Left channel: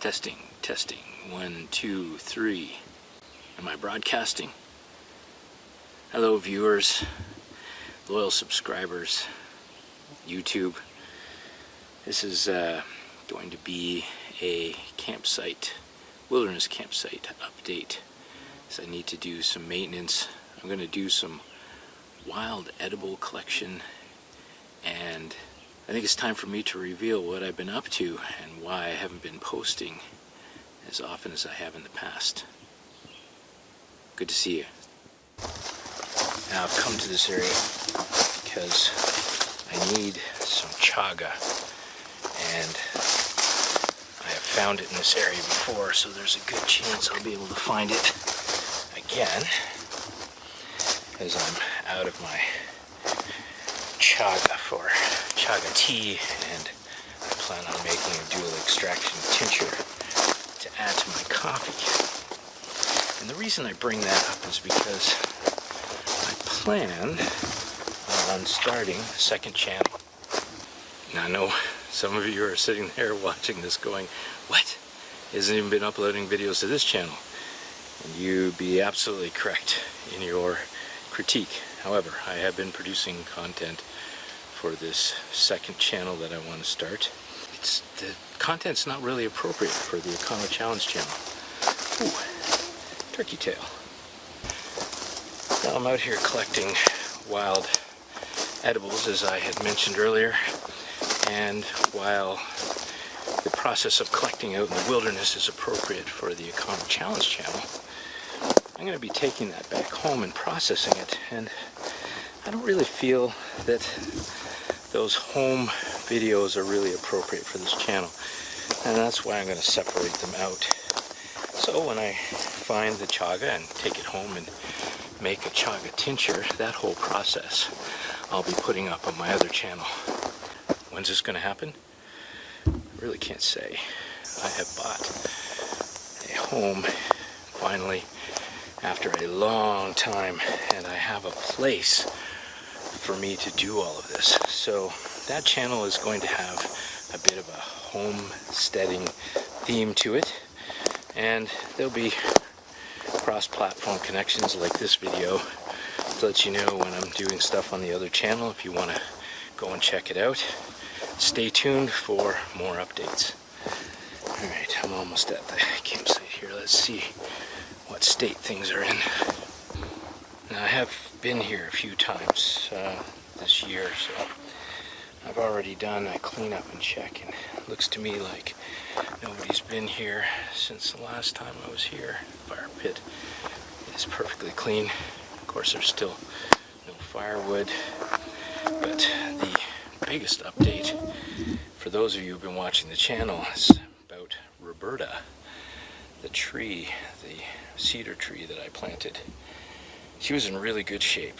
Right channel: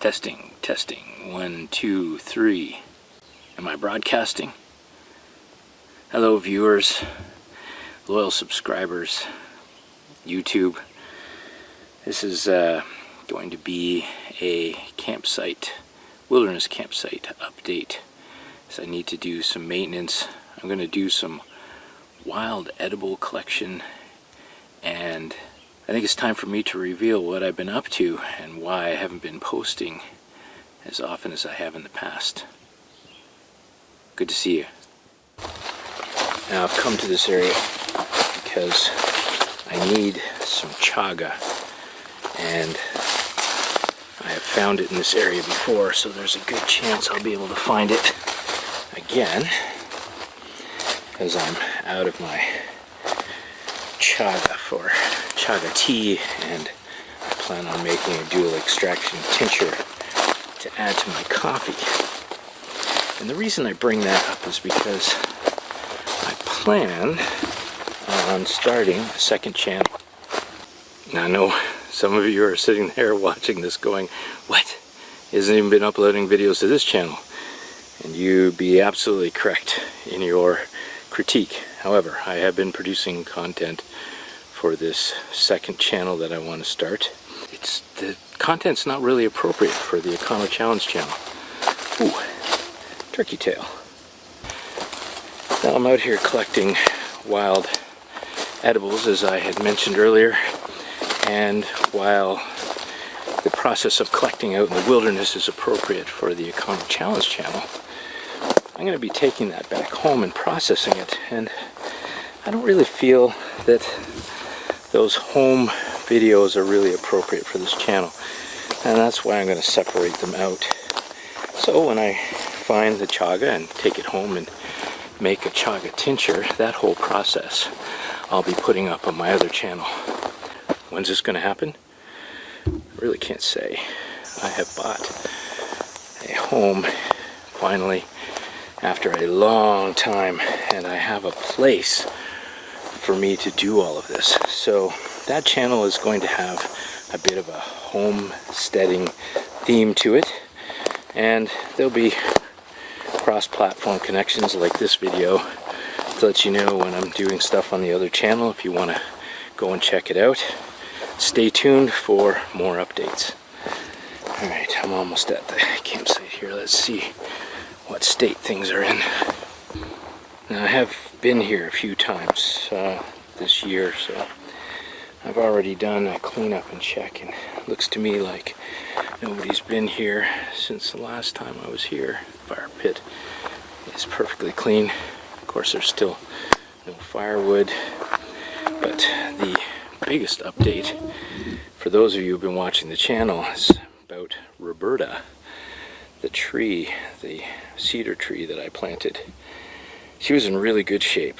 Testing, testing. 1, 2, 3. Am I broadcasting? Hello, viewers, loyal subscribers, YouTube. This is going to be a campsite, wilderness campsite update. So I need to do some maintenance. I'm going to do some wild edible collection, and I think it's time for me to reveal what I've been up to and why I haven't been posting as often as I have in the past. Good to see you. Now I've come to this area because I need some chaga, and I have found it in this area before, so there's a good chance I'll be able to find it again, as I'm out of my chaga for chaga tea, and I plan on making a dual extraction tincture to add to my coffee. And the reason I bring that up is because I plan on starting a second channel. Now I know some of you are sitting there watching this going, what? He hasn't even been uploading videos to this channel. And you'd be absolutely correct in your critique. However, I have been producing content for this second channel that I want to start. The content's not really appropriate for the EconoChallenge channel. Ooh, turkey tail. Now I'm out here collecting wild edibles, as I had mentioned earlier, and while the process of collecting out in the wilderness is appropriate for the EconoChallenge channel, I'm going to be taking that back home and processing it, and I don't really feel that those home videos are really appropriate for this channel, and that's why I'm going to separate them out. So when I find the chaga and take it home and make a chaga tincture, that whole process I'll be putting up on my other channel. When's this going to happen? I really can't say. I have bought a home finally after a long time, and I have a place for me to do all of this. So that channel is going to have a bit of a homesteading theme to it, and there'll be cross-platform connections like this video to let you know when I'm doing stuff on the other channel if you want to go and check it out. Stay tuned for more updates. Alright, I'm almost at the campsite here. Let's see what state things are in. Now I have been here a few times this year, so I've already done a cleanup and check, and it looks to me like nobody's been here since the last time I was here. Fire pit is perfectly clean. Of course, there's still no firewood, but the biggest update for those of you who've been watching the channel is about Roberta, the tree, the cedar tree that I planted. She was in really good shape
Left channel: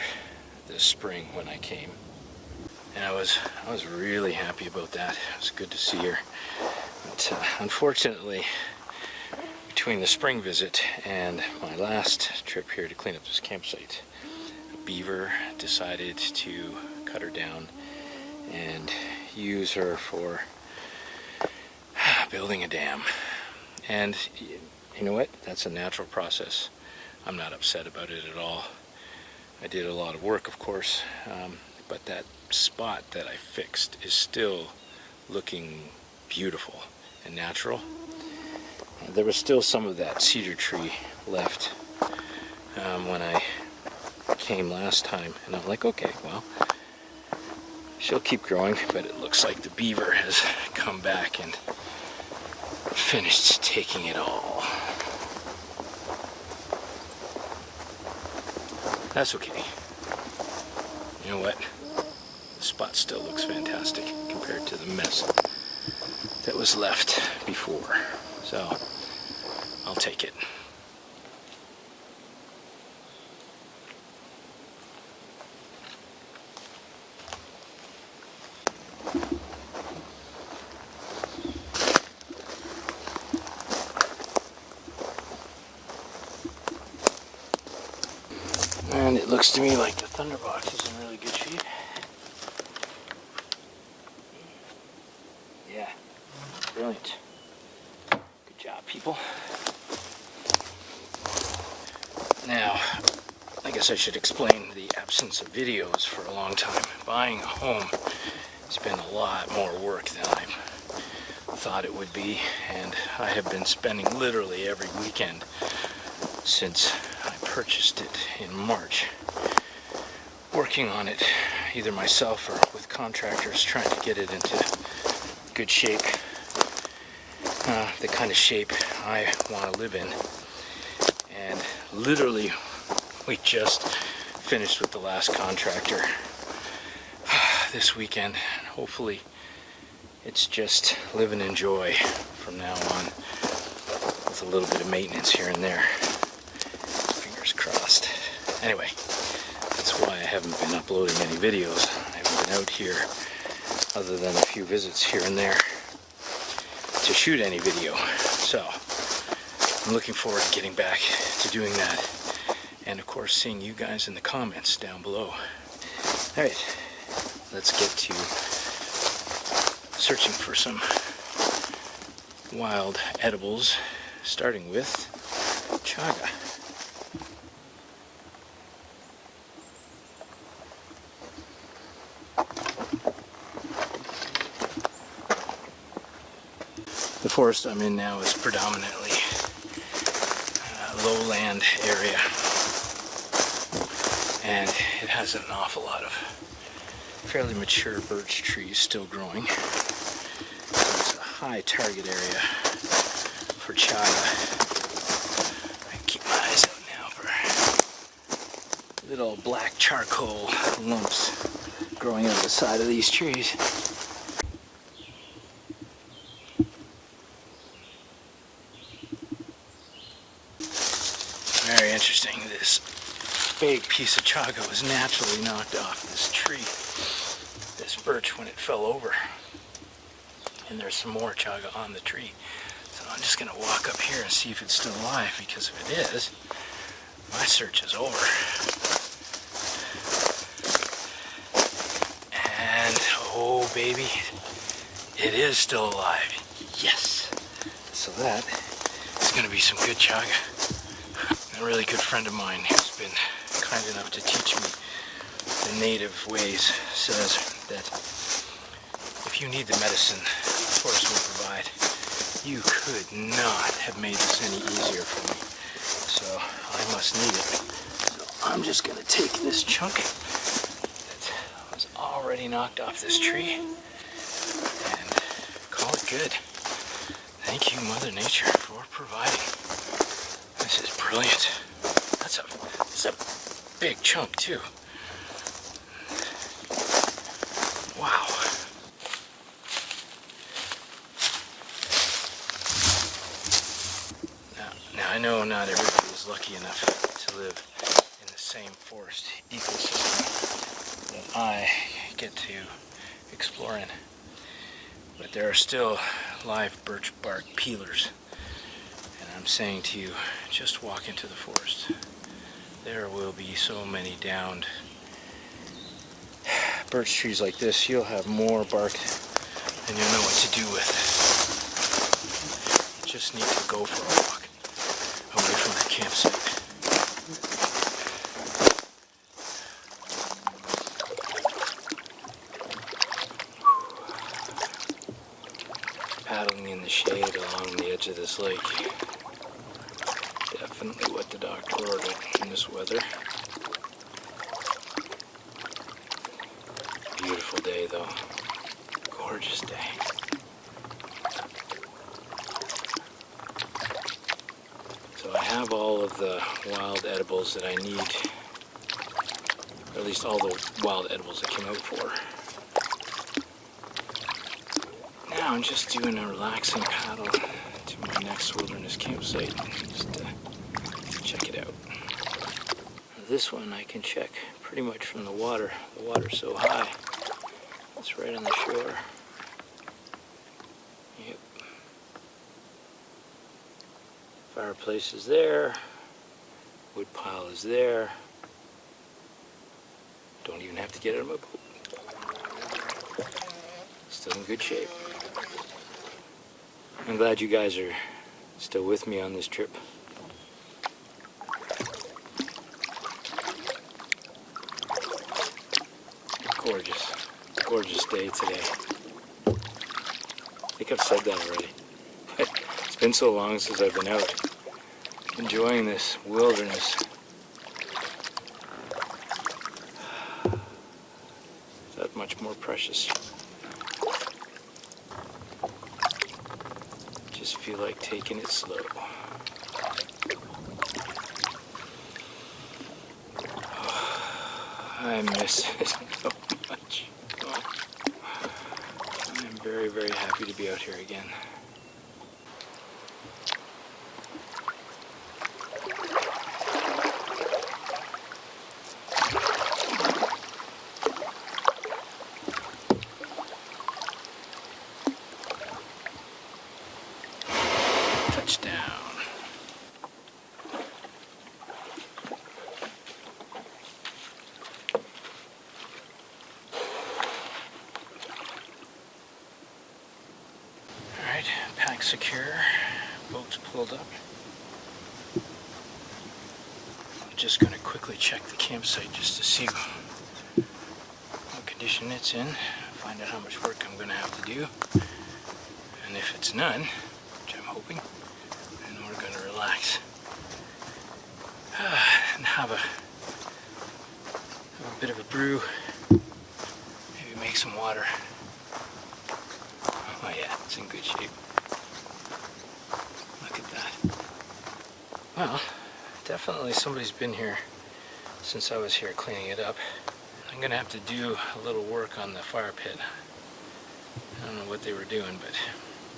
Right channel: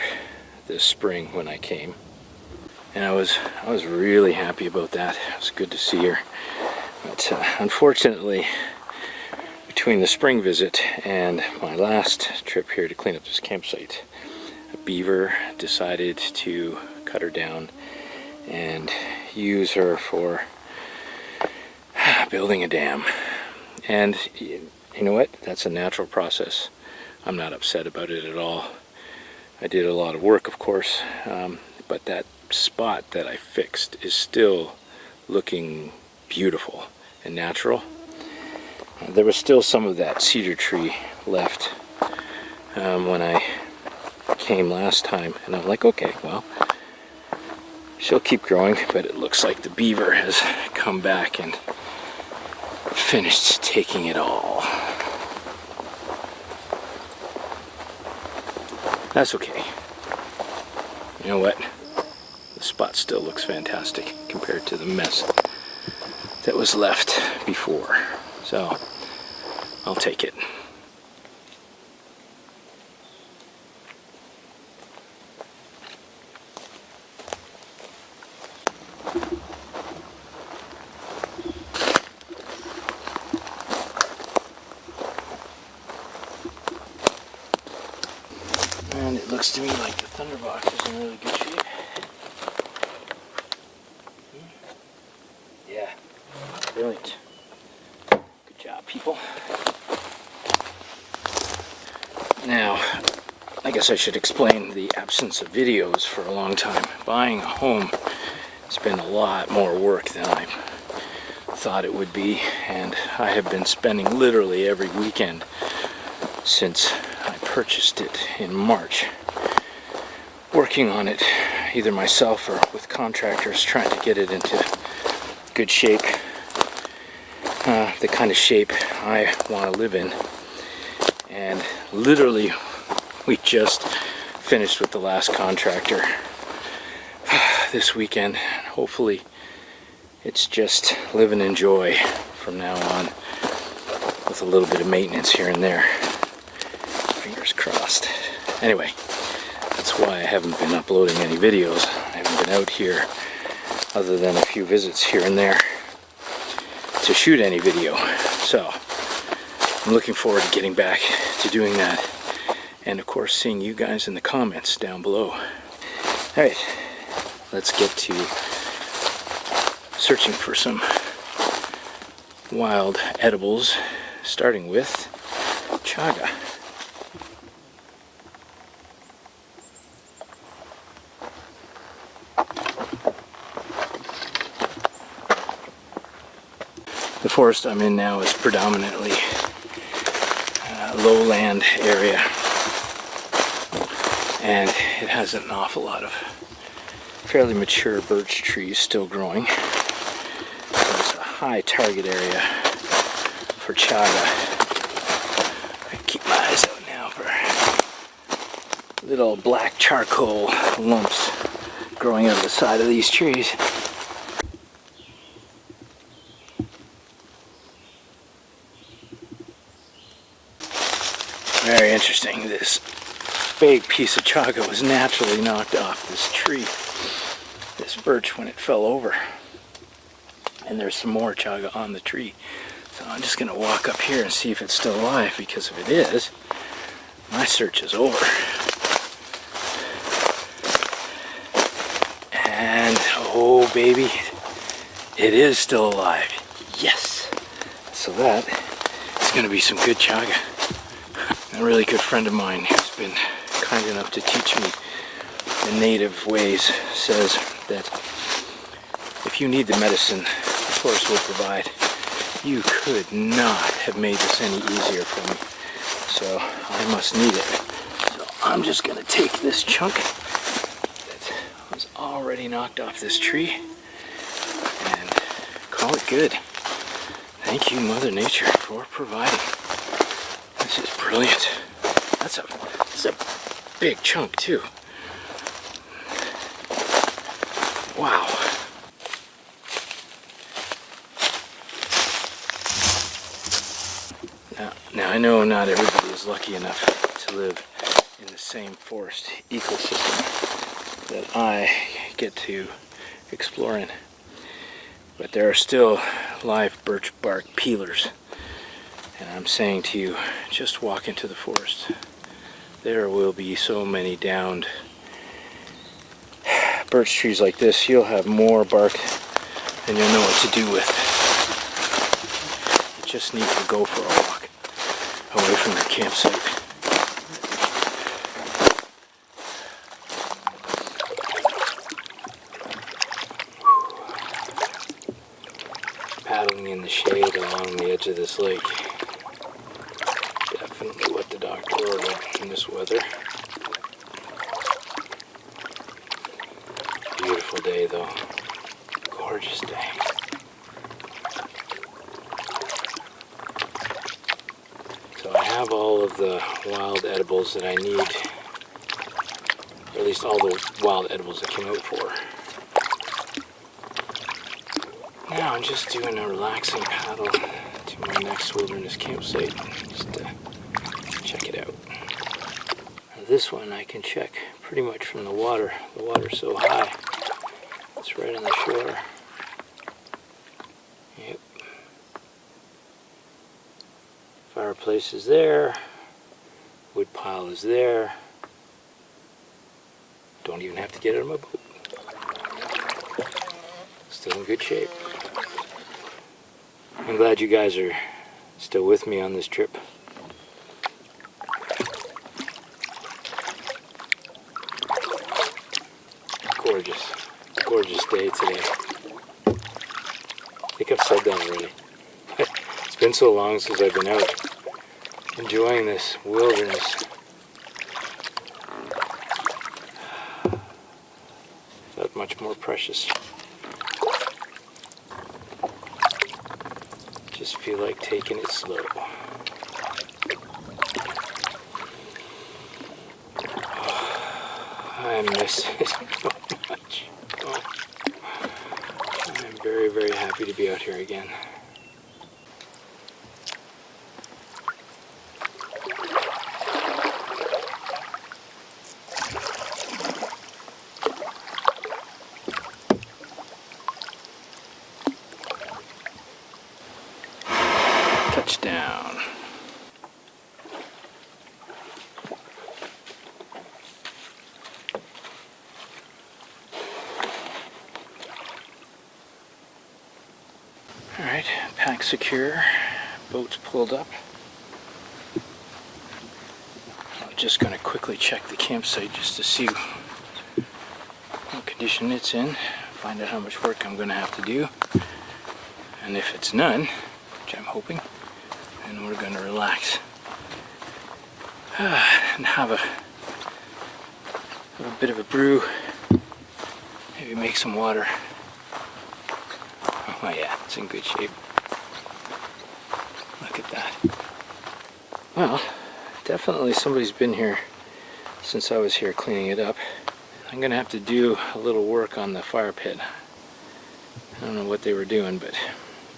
this spring when I came, and I was really happy about that. It was good to see her. But unfortunately, between the spring visit and my last trip here to clean up this campsite, a beaver decided to cut her down and use her for building a dam. And you know what? That's a natural process. I'm not upset about it at all. I did a lot of work, of course, but that spot that I fixed is still looking beautiful and natural. There was still some of that cedar tree left when I came last time, and I'm like, okay, well, she'll keep growing, but it looks like the beaver has come back and finished taking it all. That's okay. You know what? The spot still looks fantastic compared to the mess that was left before. So, I'll take it. And it looks to me like the Thunderbox is in really good shape. Yeah, brilliant. Good job, people. Now, I guess I should explain the absence of videos for a long time. Buying a home has been a lot more work than I thought it would be, and I have been spending literally every weekend since I purchased it in March working on it, either myself or with contractors, trying to get it into good shape, the kind of shape I want to live in. And literally we just finished with the last contractor this weekend. Hopefully it's just live and enjoy from now on, with a little bit of maintenance here and there. Fingers crossed. Anyway, that's why I haven't been uploading any videos. I haven't been out here other than a few visits here and there to shoot any video. So I'm looking forward to getting back to doing that, and of course seeing you guys in the comments down below. Alright, let's get to searching for some wild edibles, starting with chaga. The forest I'm in now is predominantly lowland area, and it has an awful lot of fairly mature birch trees still growing. So it's a high target area for chaga. I keep my eyes out now for little black charcoal lumps growing out of the side of these trees. Very interesting. This big piece of chaga was naturally knocked off this tree, this birch, when it fell over. And there's some more chaga on the tree. So I'm just going to walk up here and see if it's still alive, because if it is, my search is over. And oh baby, it is still alive. Yes! So that is going to be some good chaga. A really good friend of mine who's been kind enough to teach me the native ways says that if you need the medicine the forest will provide, you could not have made this any easier for me. So I must need it. So I'm just going to take this chunk that was already knocked off this tree and call it good. Thank you, Mother Nature, for providing. This is brilliant. That's a big chunk too. Wow. Now I know not everybody is lucky enough to live in the same forest ecosystem that I get to explore in, but there are still live birch bark peelers. And I'm saying to you, just walk into the forest. There will be so many downed birch trees like this. You'll have more bark than you'll know what to do with. You just need to go for a walk away from your campsite. Paddling in the shade along the edge of this lake. Definitely what the doctor ordered in this weather. Beautiful day though. Gorgeous day. So I have all of the wild edibles that I need, or at least all the wild edibles I came out for. Now I'm just doing a relaxing paddle to my next wilderness campsite, just to check it out. Now this one I can check pretty much from the water. The water's so high. It's right on the shore. Yep. Fireplace is there. Wood pile is there. Don't even have to get out of my boat. Still in good shape. I'm glad you guys are still with me on this trip. Gorgeous, gorgeous day today. I think I've said that already. It's been so long since I've been out enjoying this wilderness. That much more precious. Just feel like taking it slow. I miss it so much. Oh, I'm very, very happy to be out here again. Touchdown. All right, pack secure, boats pulled up. I'm just going to quickly check the campsite just to see what condition it's in, find out how much work I'm going to have to do, and if it's none, which I'm hoping, then we're going to relax and have a bit of a brew, maybe make some water. Oh yeah, it's in good shape. Look at that. Well, definitely somebody's been here since I was here cleaning it up. I'm going to have to do a little work on the fire pit. I don't know what they were doing, but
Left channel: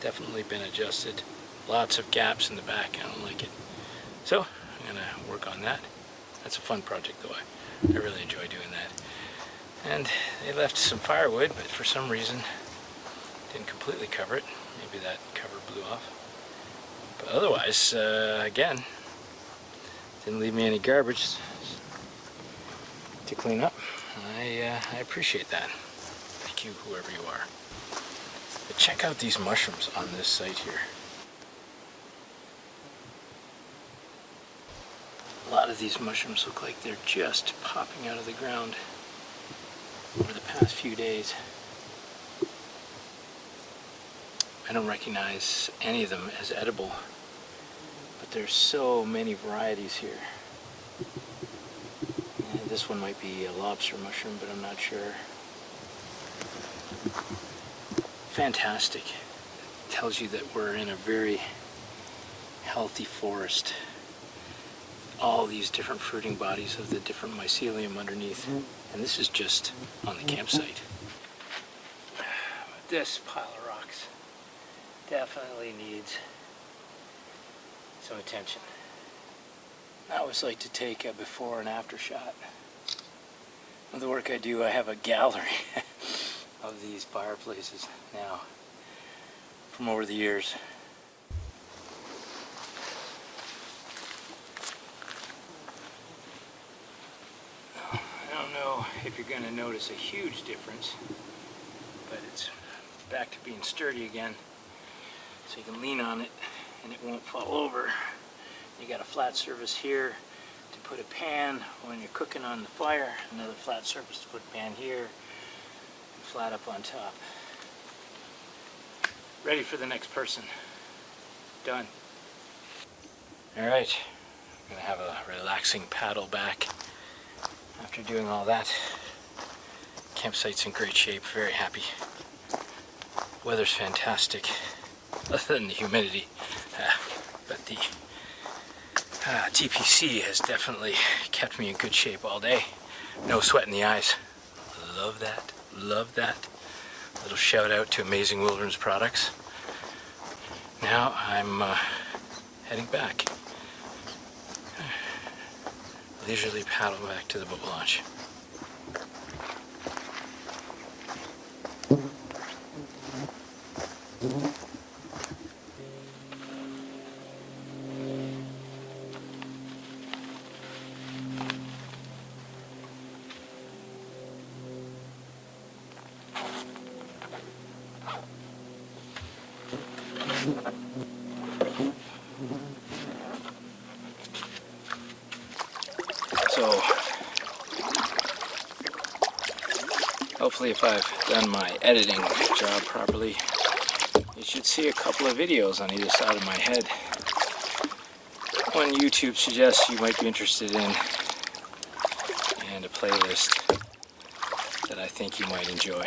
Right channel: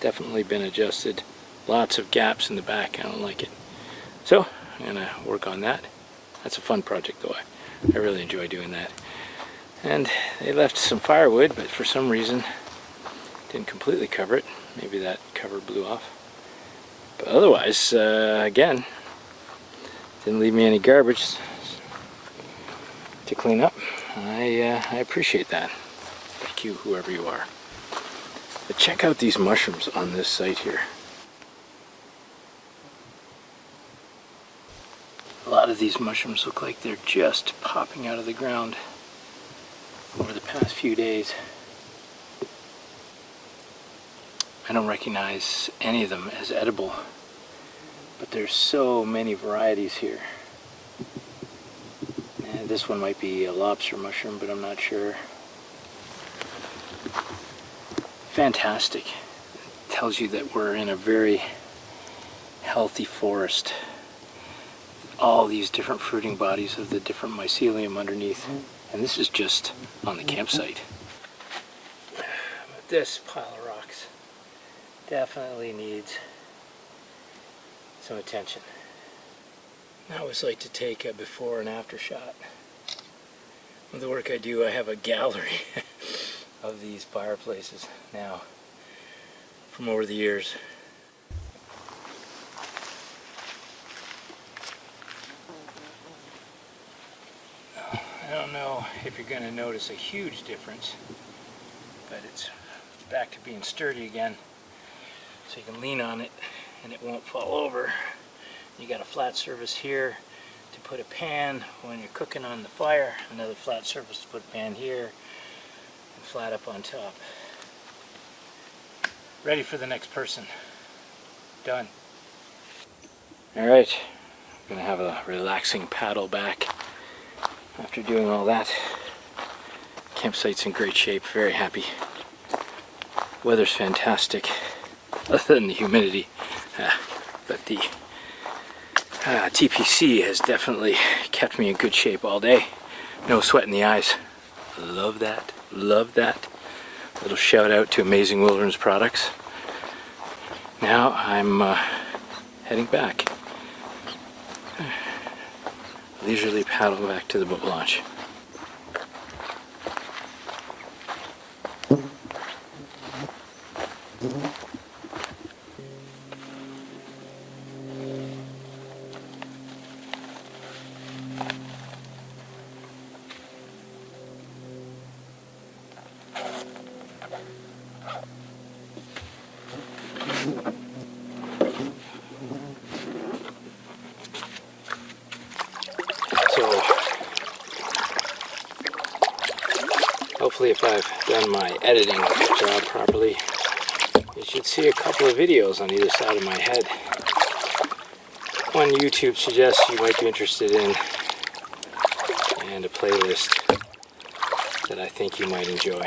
definitely been adjusted. Lots of gaps in the back, I don't like it. So, I'm going to work on that. That's a fun project though, I really enjoy doing that. And they left some firewood, but for some reason didn't completely cover it. Maybe that cover blew off. But otherwise, again, didn't leave me any garbage to clean up. I appreciate that. Thank you, whoever you are. But check out these mushrooms on this site here. A lot of these mushrooms look like they're just popping out of the ground over the past few days. I don't recognize any of them as edible, but there's so many varieties here. And this one might be a lobster mushroom, but I'm not sure. Fantastic. It tells you that we're in a very healthy forest. All these different fruiting bodies of the different mycelium underneath. And this is just on the campsite. But this pile of rocks definitely needs some attention. I always like to take a before and after shot. With the work I do, I have a gallery of these fireplaces now from over the years. Now, I don't know if you're going to notice a huge difference, but it's back to being sturdy again. So you can lean on it and it won't fall over. You got a flat surface here to put a pan when you're cooking on the fire, another flat surface to put a pan here, and flat up on top. Ready for the next person. Done. Alright, I'm gonna have a relaxing paddle back after doing all that. Campsite's in great shape, very happy. Weather's fantastic, other than the humidity, but the TPC has definitely kept me in good shape all day. No sweat in the eyes. Love that, love that. Little shout out to Amazing Wilderness Products. Now I'm heading back. Leisurely paddle back to the boat launch. So hopefully if I've done my editing job properly, you should see a couple of videos on either side of my head. One YouTube suggests you might be interested in, and a playlist that I think you might enjoy.